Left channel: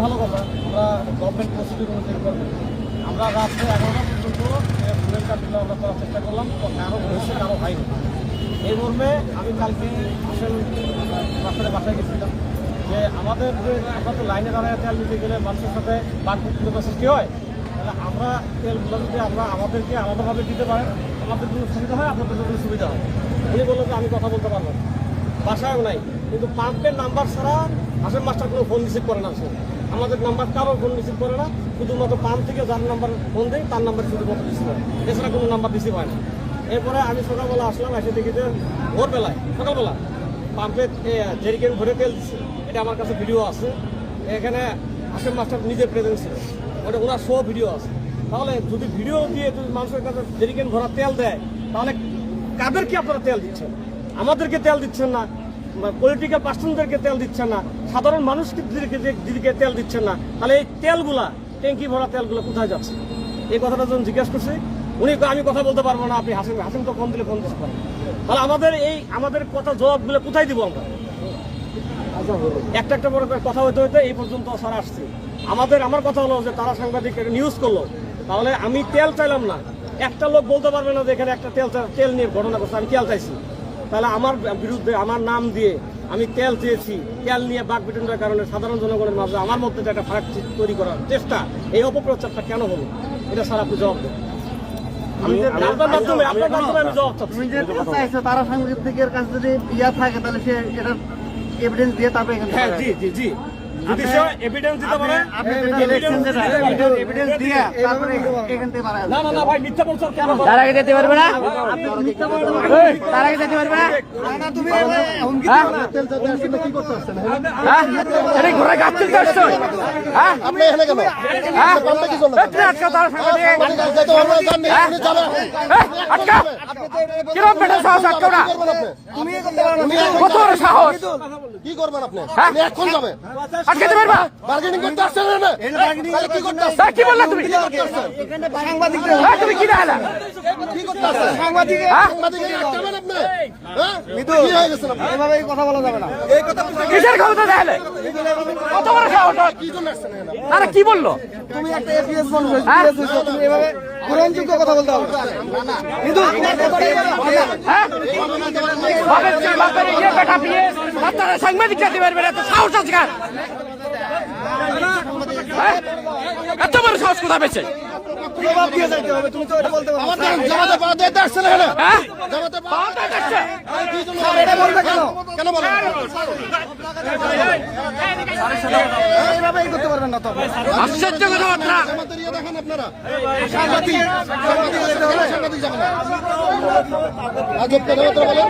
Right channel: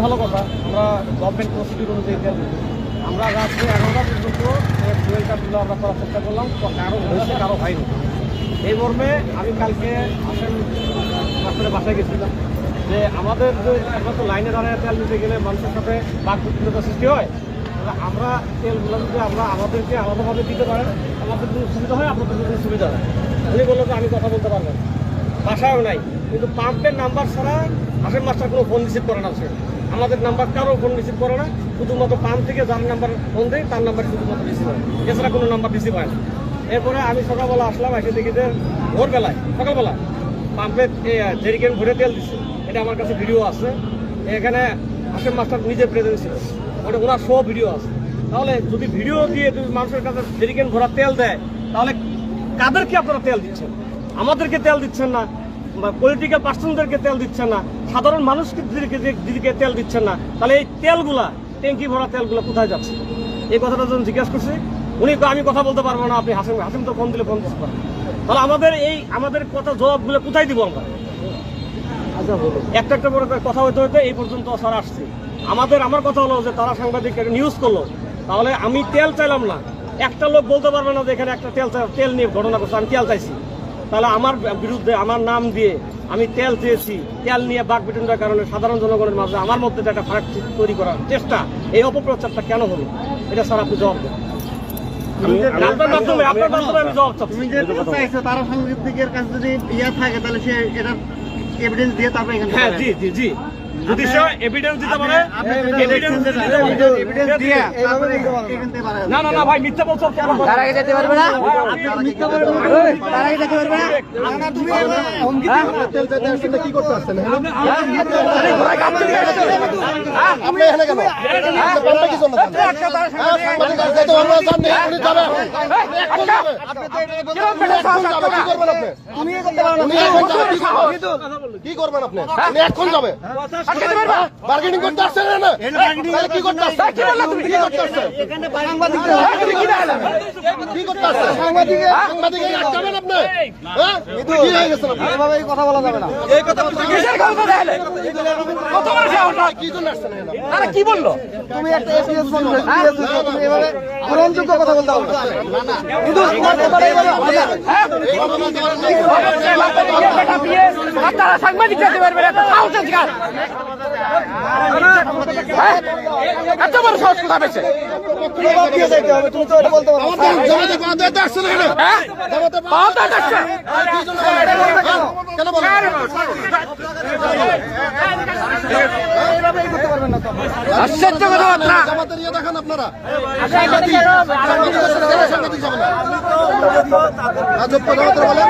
ভালো কথা। আমরা গভর্নমেন্ট প্রসিডিউর অনুযায়ী তেল দিই। আমরা রাত্রে 11টা পর্যন্ত ফুয়েল কার্ডগুলো আমরা করার চেষ্টা করলাম, কারো হয়েছে কারো হয়নি। এই মর্মে আমি কালকে আসেন মাস্টারের বাসায় গেছিলাম যে আমাদের যে আমরা তো লাইনে দাঁড়ায় তেল দিতে গেলে মানুষের সাথে বাকবিতণ্ডা সৃষ্টি হয়, তাহলে আমরা তেলগুলো যদি আমরা আমাদেরকে আলাদাভাবে দিতে পারেন আমাদের জন্য সুবিধা হয়, আপনাদের জন্য সুবিধা হয়। উনি বললো যে আমি কথা বলতে পারবো না, বাসায়ও নাই, কিন্তু পাম্পের নাম্বার ছাড়া হাসেম মাস্টার কোনো ফোন রিসিভ করে না। সে আমাদের নাম্বার কারো ফোন রিসিভ করে না, শুধুমাত্র পাম্প থেকে যার নাম্বার ফোন দেয় তার নাম্বার শুধুমাত্র রিসিভ হয়, এছাড়া কোনো নাম্বার রিসিভ হয় না। এরপরে আমি সকালবেলা আসলাম, এসে দেখি যে ভোরবেলায় সকালবেলা পাম্পে জেরিকেন ভরে তেল দিচ্ছে। এটা আমার কাছে ভিডিও আছে, এখানে হাসেম মাস্টার নিজে প্রেজেন্ট ছিল, ওটা ওনার সব ভিডিও আছে। তাহলে যদি ভিডিও দিয়ে যদি মানুষের কাছে জেরিকেন ভরা তেল দেয়, তাহলে কাদেরকে আপনারা তেল দিচ্ছেন? আমাদেরকে তেল দিচ্ছেন না, পলিটিক্যাল পার্সনদেরকে তেল দিচ্ছেন না, সাধারণ মানুষকে তেল দিচ্ছেন না। তাহলে এই তেলগুলা, ট্যাঙ্কি ভরা তেলগুলো কোথায় যাচ্ছে? এই কথাটা যখন জিজ্ঞেস করছি, উনি আমি কথা বলতে পারবো না, আপনি হাসিম তো ফোন দিলে ফোন দিতে পারেন। তাহলে আমাদের কথা জবাবগুলো কোথায় দিব আমরা? একটা বড় কথা হইতে হইতে এই পর্যন্ত স্যার আসছে। আমার কথা হলো যে তারা সাংবাদিক নিউজ করলো, তাহলে আমি তেল চাইলাম না, একটা লোক বলতে পারবে না যে এখানে একটা তেল নিয়ে ঘটনা করছে, আমি তেল চাইছি। তাহলে আমার বিরুদ্ধে আমার নাম দিয়ে আমি তেল চেয়েছি, তেল নিয়ে বাকবিতণ্ডার কারণে সাধারণ জনগণের মাঝে আমার মধ্যে একটা ফারাক তৈরি করার চেষ্টা, এই অপপ্রচারটা কেন হলো? এটা স্যার আপনি জবাব দেন। আপনার মাধ্যমে আমি জবাব চাচ্ছি। তারা সাংবাদিকের কাছে যদি থাকে তাহলে সে এটার এভিডেন্স দিয়ে তারপরে এখানে হ্যাঁ জি যদি সে এভিডেন্স দিতে পারে, এভিডেন্স দিয়ে তারপরে এখান থেকে বাড়ায়। না ভাই মিথ্যা বলছো কেন? তার আগে যেতে পারবে না, আপনি মিথ্যা বলবেন, তার আগে যেতে পারবে না। তুমি তেল চাইতে আসলে কি করতে আসছেন? আরে ঘোড়া গাছ থেকে আসছে, আপনি এখানে কেন? আপনি বলতে কি জন্য? যেতে আমরা জানি উনি যাবেন, আপনি তো কি করবেন আপনি? তুমি করতে পারবেন কি করবেন আপনি? আপনি এখন যাবে বার্গেনিং করতে আসছেন না? বার্গেনিং কি করতে আসছেন? কি বললা তুমি? কি করতে আসছেন? এখানে সাংবাদিক তুমি কি ডালা কি করতে আসছেন? সাংবাদিক আটকাবেন আপনি? হ্যাঁ কি হয়ে গেছে? এভাবে কথা বলা যাবে না। এই কথা কিসের কথা ডালে? কত বড় সাহস হয়? কি জন্য আসছেন এখানে? আরে কি বললো? তুমি একটা এপিএস বলছো, এপিএস তুমি এভাবে গ্রহণযোগ্য কথা বলতে হবে না। না কিন্তু তোমার ব্যাপারে বেটা পিএস আপনারা সাংবাদিক করতে পারবেন, এত সাহস আছে কার? এত বড় সাহস কোথা পেয়েছে? তুমি তো বলতে পারো জামাতে পাওয়া আসছে না কেন? জামাতে পাওয়া আসছে কেন বলেন? আশ্চর্য কথা না, জামাতের ইয়ে দেখান আপনারা। আজব কথাবার্তা বলেন।